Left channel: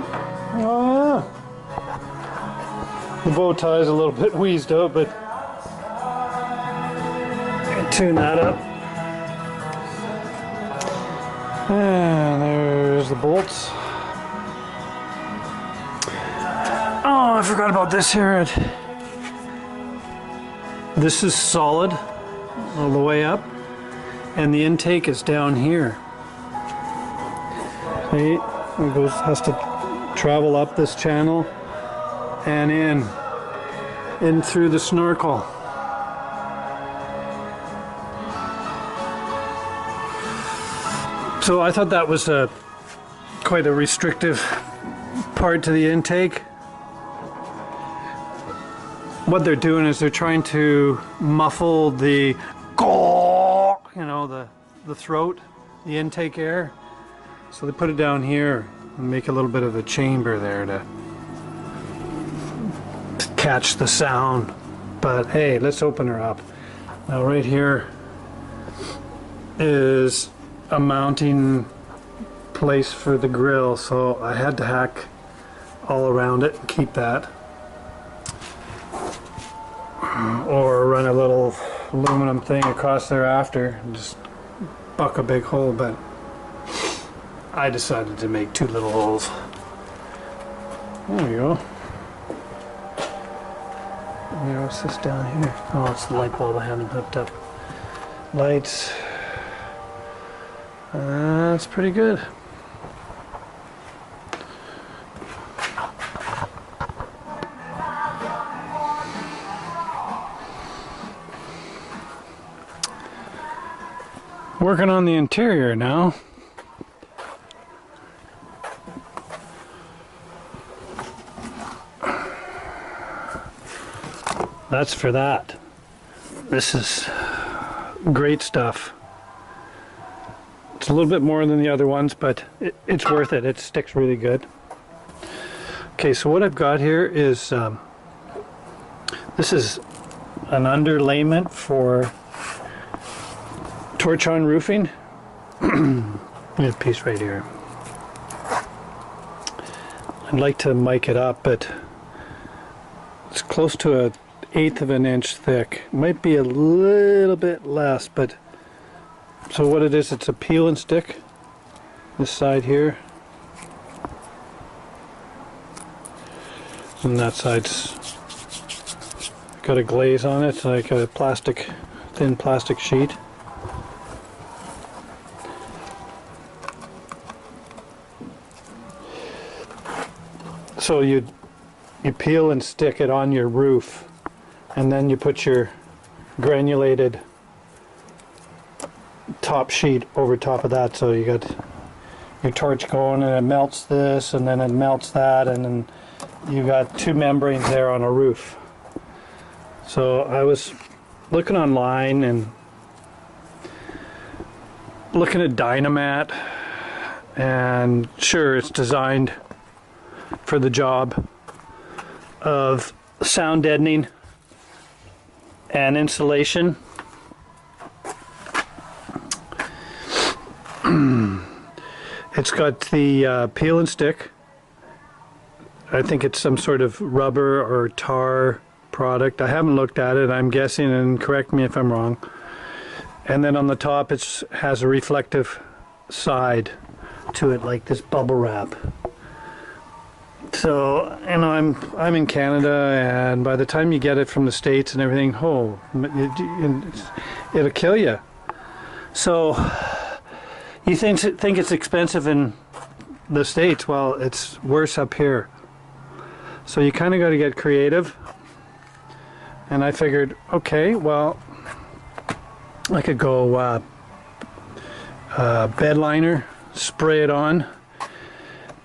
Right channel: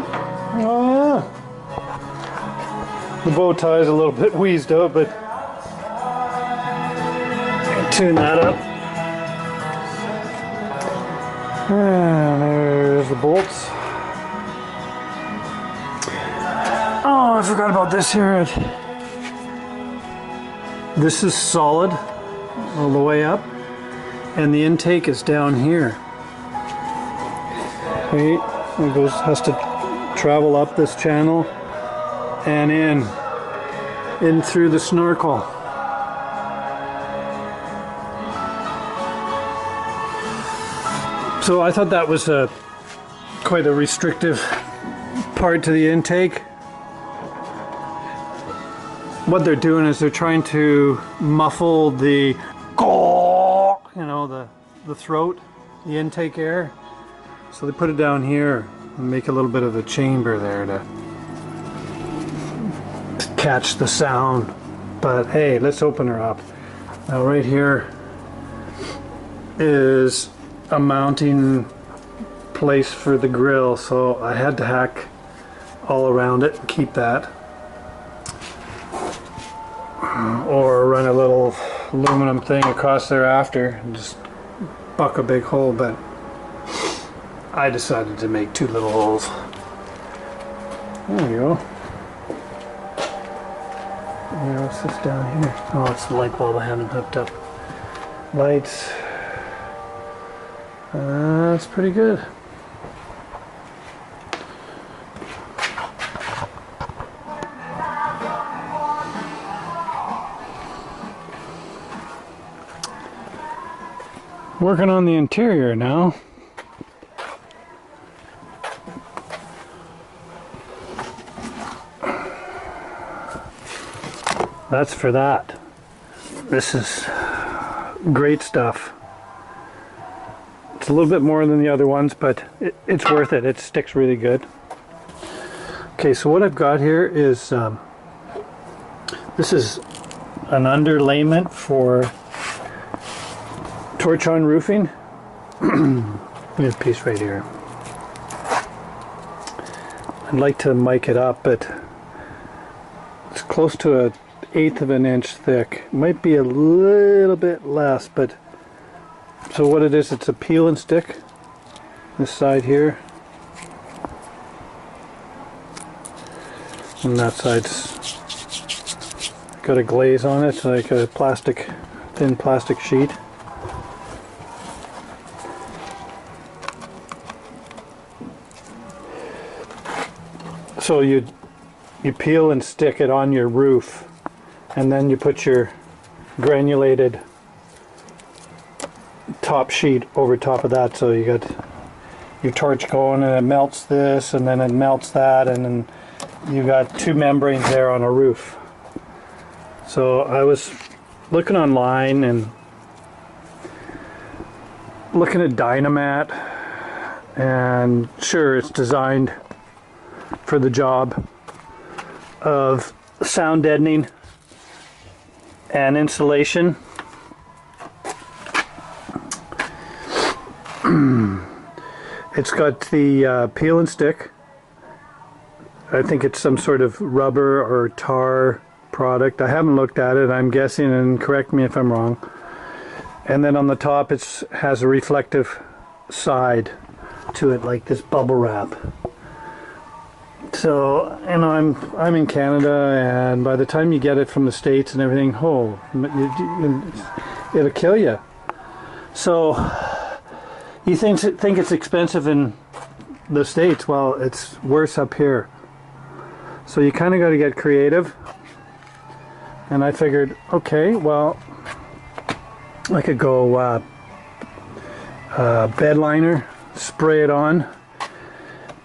Oh yeah. The bow tie is a little bit wheezed out, but tune that up. And there's the bolts. Oh, I forgot about this here. This is solid all the way up, and the intake is down here. Okay, it has to travel up this channel and in through the snorkel. So I thought that was quite a restrictive part to the intake. What they're doing is they're trying to muffle the, the throat, the intake air. So they put it down here and make a little bit of a chamber there to catch the sound. But hey, let's open her up. Now right here is a mounting place for the grill, so I had to hack all around it and keep that, or run a little aluminum thing across there after and just buck a big hole, but I decided to make 2 little holes. There we go. What's this down here? Oh, it's the light bulb I haven't hooked up. Lights. That's pretty good. Working on the interior now. That's for that. This is great stuff. It's a little bit more than the other ones, but it's worth it. It sticks really good. Okay, so what I've got here is this is an underlayment for torch-on roofing. There's a piece right here. I'd like to mic it up, but it's close to 1/8 of an inch thick. Might be a little bit less, but so what it is, it's a peel and stick. This side here, and that side's got a glaze on it. It's like a thin plastic sheet. So you peel and stick it on your roof, and then you put your granulated top sheet over top of that, so you got your torch going and it melts this and then it melts that, and then you got 2 membranes there on a roof. So I was looking online and looking at Dynamat, and sure, it's designed for the job of sound deadening and insulation. It's got the peel and stick. I think it's some sort of rubber or tar product. I haven't looked at it. I'm guessing, and correct me if I'm wrong. And then on the top it has a reflective side to it, like this bubble wrap. So, you know, I'm in Canada, and by the time you get it from the States and everything, it'll kill you. So you think it's expensive in the States? Well, it's worse up here. So you kind of got to get creative. And I figured, okay, well, I could go bed liner, spray it on.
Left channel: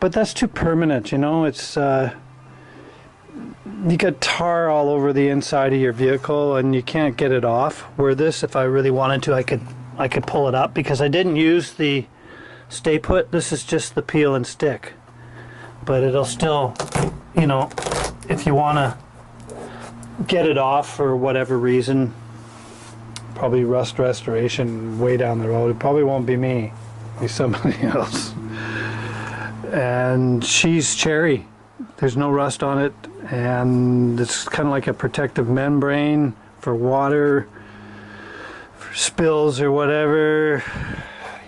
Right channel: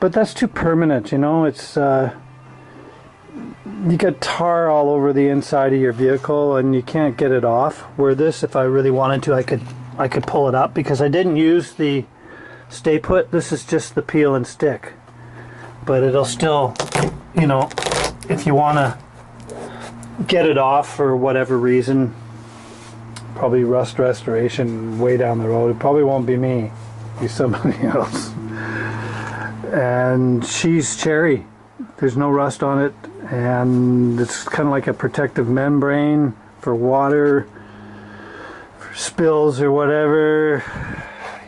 But that's too permanent, you know. It's you get tar all over the inside of your vehicle, and you can't get it off. Where this, if I really wanted to, I could pull it up, because I didn't use the stay put. This is just the peel and stick. But it'll still, you know, if you want to get it off for whatever reason, probably rust restoration way down the road. It probably won't be me, it'll be somebody else. and she's cherry. There's no rust on it, and it's kind of like a protective membrane for water, for spills or whatever,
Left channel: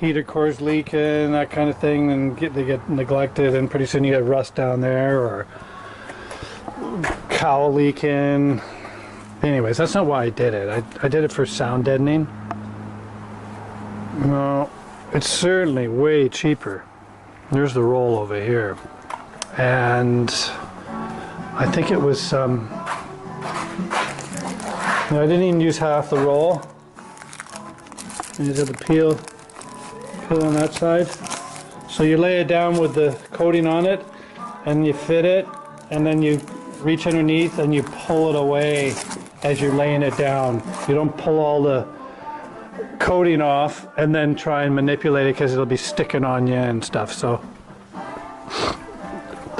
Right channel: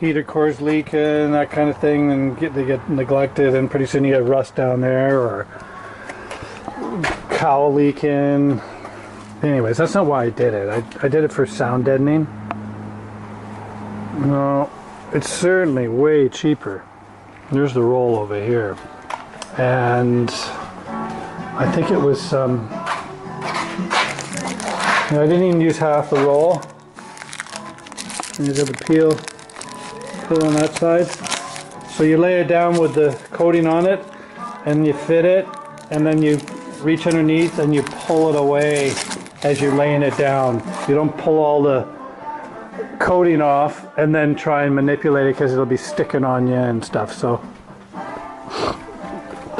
heater cores leaking, that kind of thing, and they get neglected, and pretty soon you get rust down there, or cowl leaking. Anyways, that's not why I did it. I did it for sound deadening. No, it's certainly way cheaper. There's the roll over here, and I think it was I didn't even use half the roll. And you have the peel on that side. So you lay it down with the coating on it, and you fit it, and then you reach underneath and you pull it away as you're laying it down. You don't pull all the coating off and then try and manipulate it, because it'll be sticking on you and stuff. So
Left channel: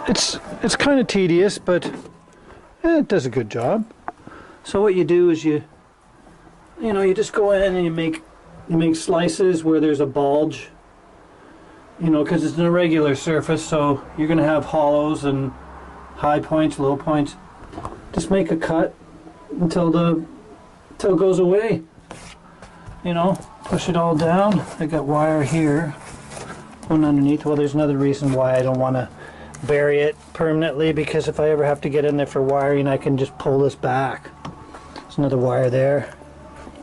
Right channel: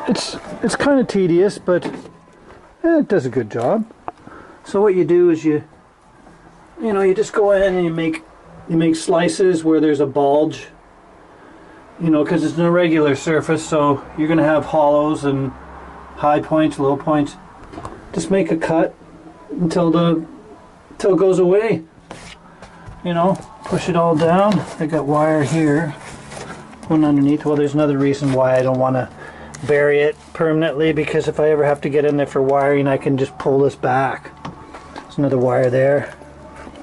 it's kind of tedious, but it does a good job. So what you do is you just go in and you make slices where there's a bulge, because it's an irregular surface, so you're going to have hollows and high points, low points. Just make a cut until it goes away. Push it all down. I got wire here going underneath. Well, there's another reason why I don't want to bury it permanently, because if I ever have to get in there for wiring, I can just pull this back. There's another wire there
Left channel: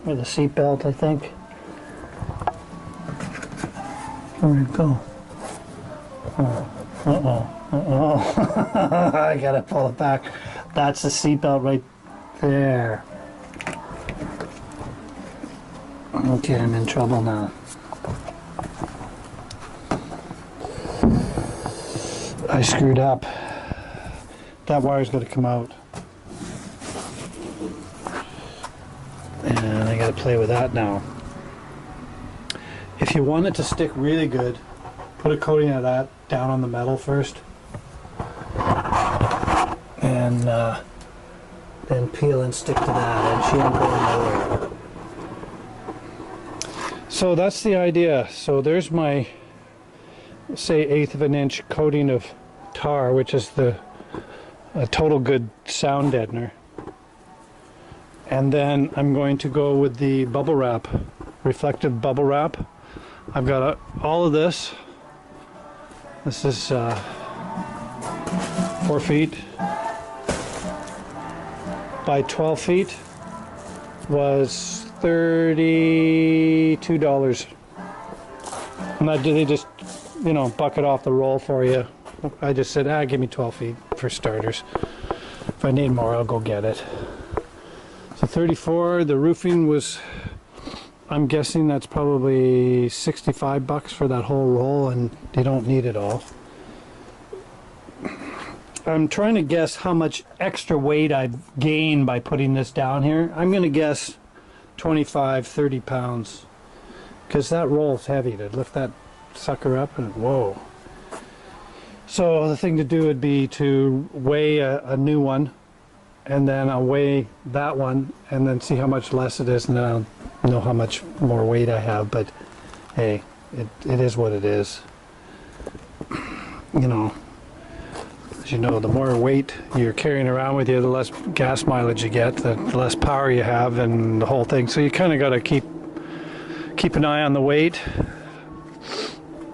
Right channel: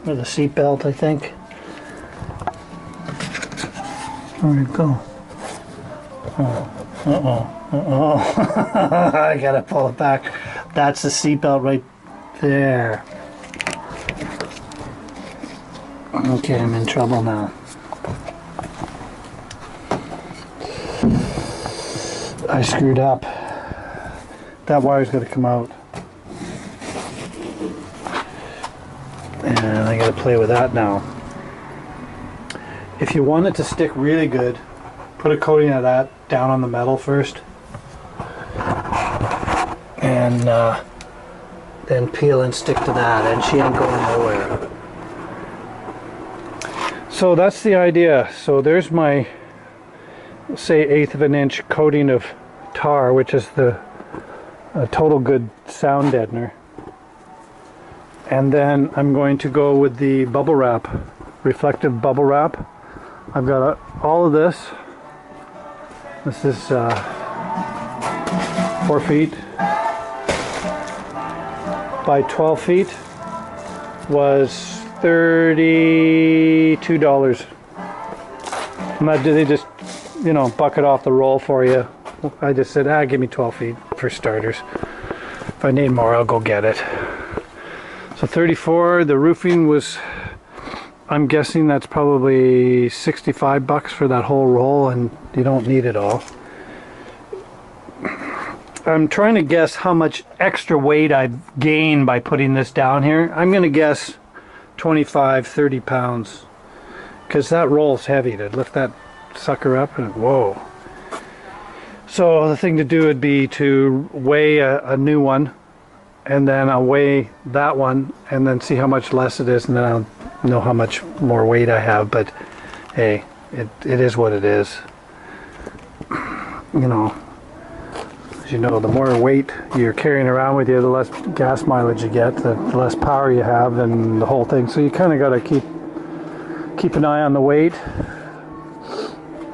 for the seat belt, I think. Where'd it go? I gotta pull it back. That's the seatbelt right there. Okay, I'm in trouble now. I screwed up. That wire's got to come out. And I got to play with that now. If you want it to stick really good, put a coating of that down on the metal first. And then peel and stick to that, and she ain't going nowhere. So that's the idea. So there's my, say, 1/8 of an inch coating of tar, which is the total good sound deadener. And then I'm going to go with the bubble wrap, reflective bubble wrap. I've got all of this. This is 4 feet by 12 feet. Was $32. And that, they just, bucket off the roll for you. I just said, give me 12 feet for starters. If I need more, I'll go get it. So 34, the roofing was, I'm guessing that's probably $65 for that whole roll, and you don't need it all. I'm trying to guess how much extra weight I've gained by putting this down here. I'm going to guess 25, 30 pounds, because that roll's heavy to lift that sucker up, and whoa. So the thing to do would be to weigh a new one, and then I'll weigh that one and then see how much less it is, and then I'll know how much more weight I have. But hey, it is what it is. As you know, the more weight you're carrying around with you, the less gas mileage you get, the less power you have, and the whole thing. So you kind of got to keep an eye on the weight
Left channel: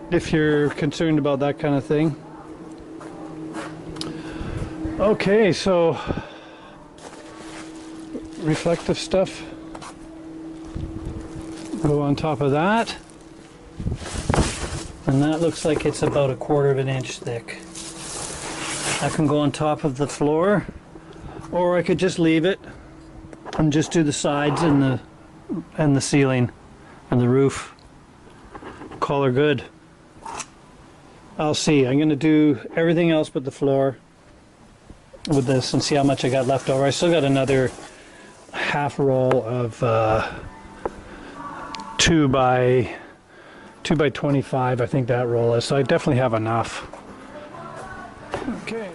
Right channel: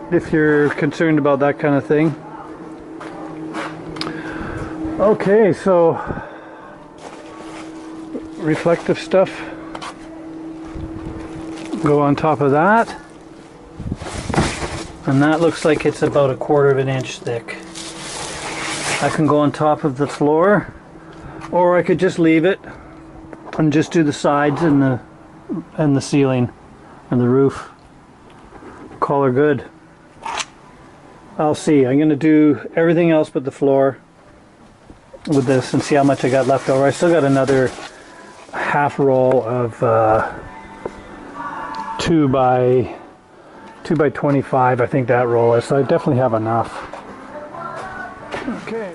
if you're concerned about that kind of thing. Okay, so reflective stuff, go on top of that, and that looks like it's about 1/4 of an inch thick. I can go on top of the floor, or I could just leave it and just do the sides and the ceiling and the roof. Call her good. I'll see. I'm going to do everything else but the floor with this and see how much I got left over. I still got another half roll of 2 by 25, I think that roll is, so I definitely have enough. Okay.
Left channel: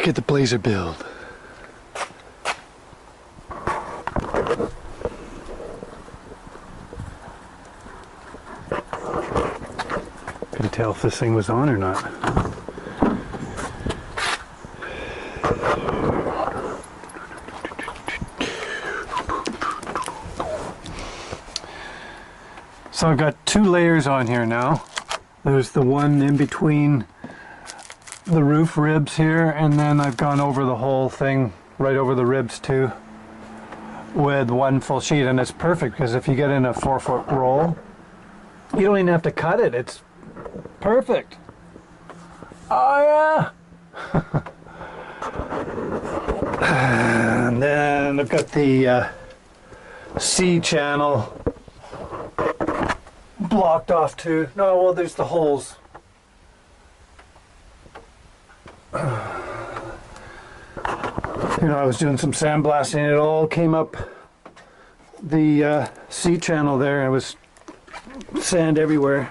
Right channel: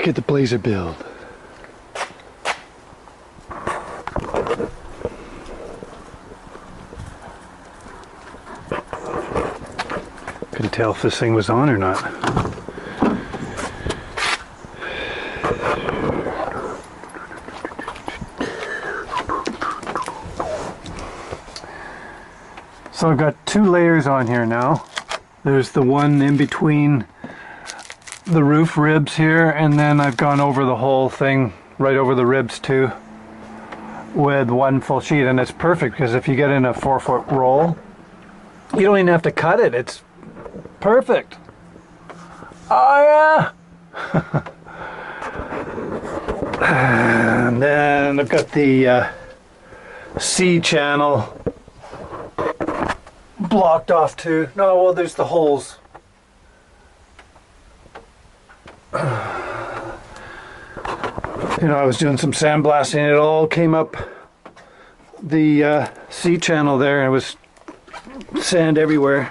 back at the Blazer build. Couldn't tell if this thing was on or not. So I've got 2 layers on here now. There's the one in between the roof ribs here, and then I've gone over the whole thing, right over the ribs too, with 1 full sheet. And it's perfect because if you get in a 4-foot roll, you don't even have to cut it. It's perfect. Oh yeah. And then I've got the C channel blocked off too. No, well, there's the holes. You know, I was doing some sandblasting. It all came up the C channel there. It was sand everywhere.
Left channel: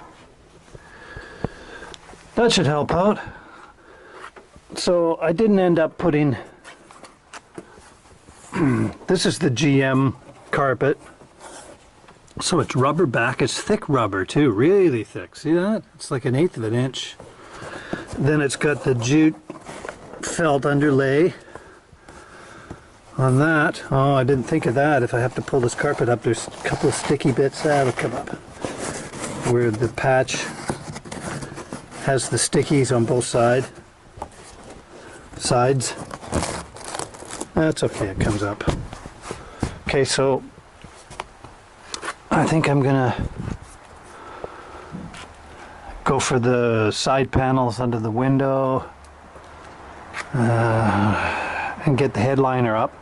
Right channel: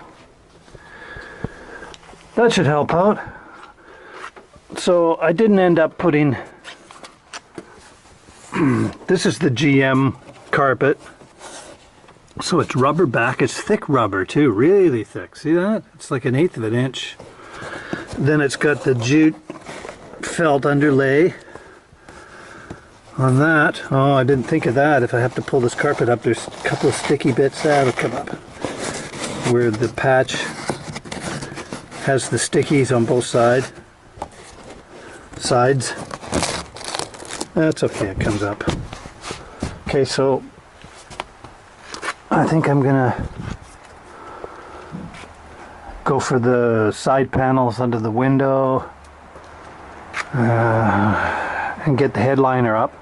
That should help out. So I didn't end up putting this is the GM carpet. So it's rubber back. It's thick rubber too, really thick. See that? It's like 1/8 of an inch. Then it's got the jute felt underlay on that. Oh, I didn't think of that. If I have to pull this carpet up, there's a couple of sticky bits that'll come up. Where the patch has the stickies on both sides. That's okay, it comes up. Okay, so I think I'm gonna go for the side panels under the window and get the headliner up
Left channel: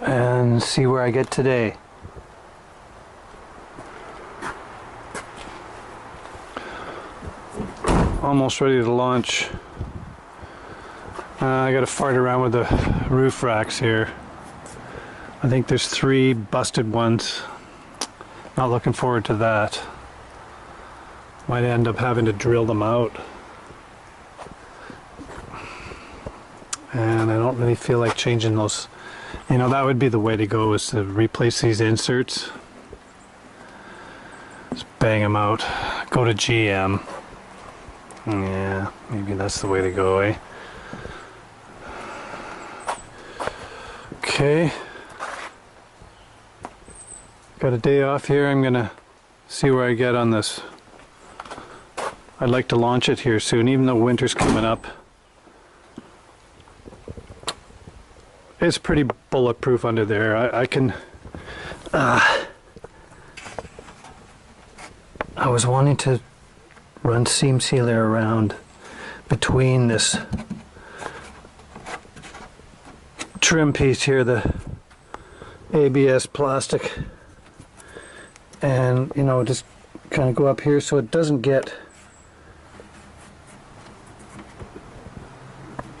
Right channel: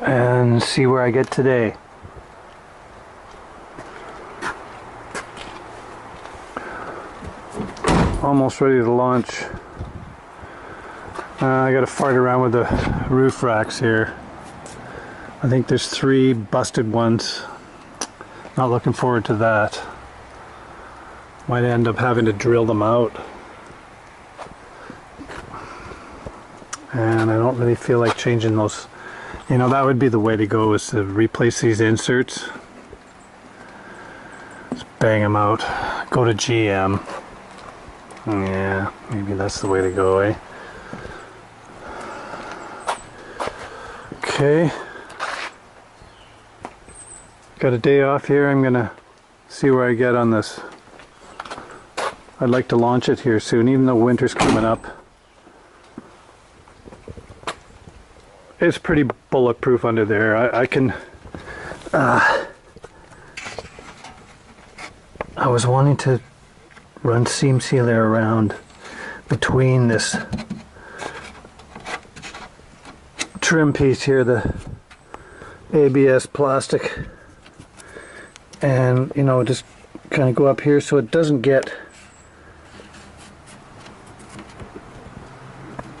and see where I get today. Almost ready to launch. I gotta fart around with the roof racks here. I think there's 3 busted ones. Not looking forward to that. Might end up having to drill them out. And I don't really feel like changing those. You know, that would be the way to go, is to replace these inserts. Just bang them out. Go to GM. Yeah, maybe that's the way to go, eh? Okay. Got a day off here. I'm gonna see where I get on this. I'd like to launch it here soon, even though winter's coming up. It's pretty bulletproof under there. I can... I was wanting to run seam sealer around between this trim piece here, the ABS plastic, and, you know, just kind of go up here so it doesn't get...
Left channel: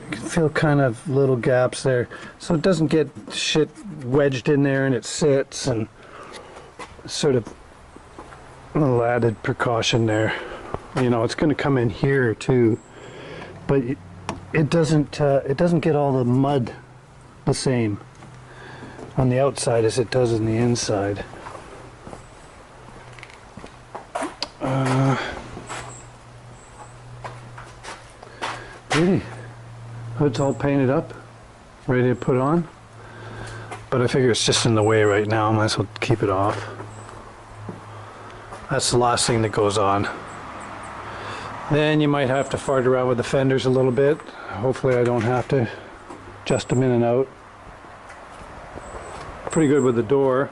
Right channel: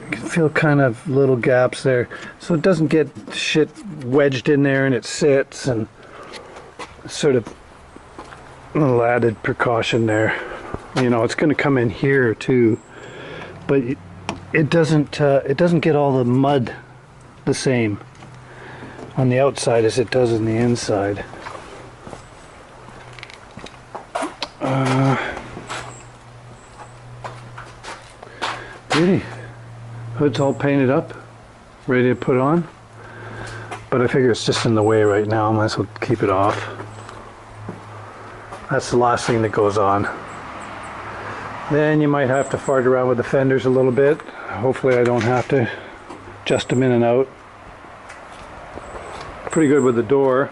You can feel kind of little gaps there, so it doesn't get shit wedged in there and it sits, and sort of a little added precaution there. You know, it's going to come in here too, but it doesn't get all the mud the same on the outside as it does on the inside. Really, hood's all painted up, ready to put on, but I figure it's just in the way right now. I might as well keep it off. That's the last thing that goes on. Then you might have to fart around with the fenders a little bit. Hopefully I don't have to adjust them in and out. Pretty good with the door.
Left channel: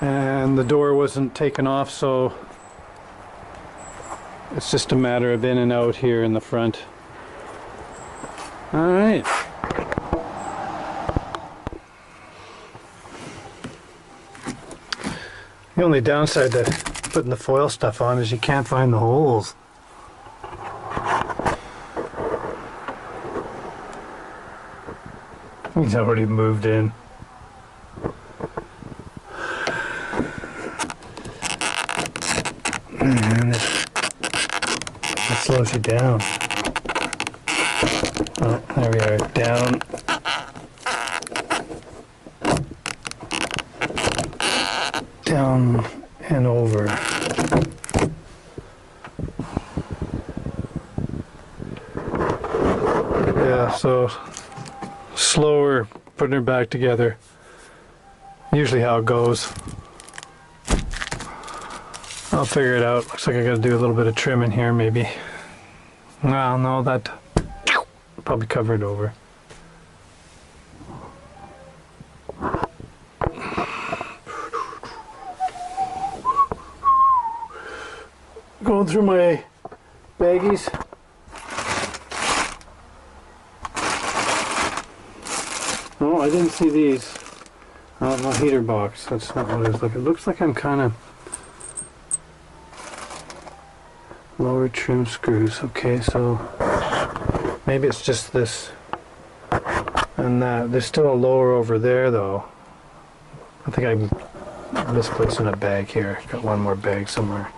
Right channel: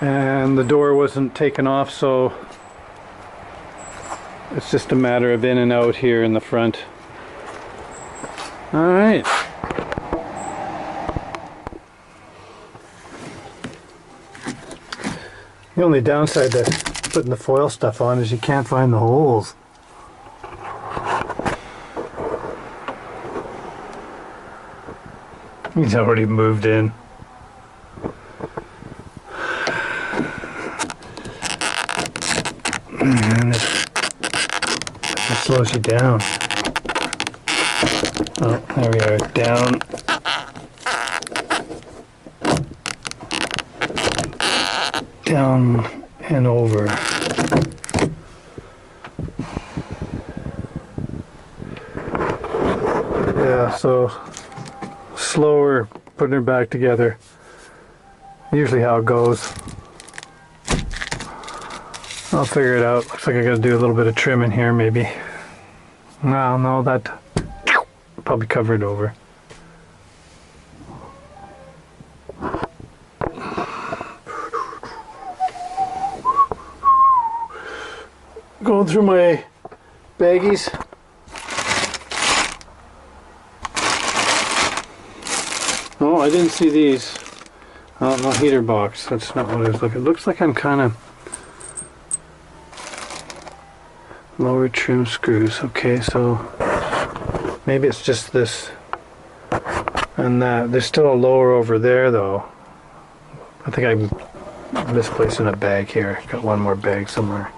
And the door wasn't taken off, so it's just a matter of in and out here in the front. Alright. The only downside to putting the foil stuff on is you can't find the holes. He's already moved in. And slows you down. Oh, there we are. Down. Down and over. Yeah, so slower putting her back together. Usually how it goes. I'll figure it out. Looks like I gotta do a little bit of trim in here maybe. Well, no, that probably cover it over. Going through my baggies. Oh, I didn't see these. Oh, no heater box. That's not what I was looking. It looks like I'm kind of lower trim screws. Okay, so maybe it's just this and that. There's still a lower over there though. I think I'm misplacing a bag here. Got one more bag somewhere.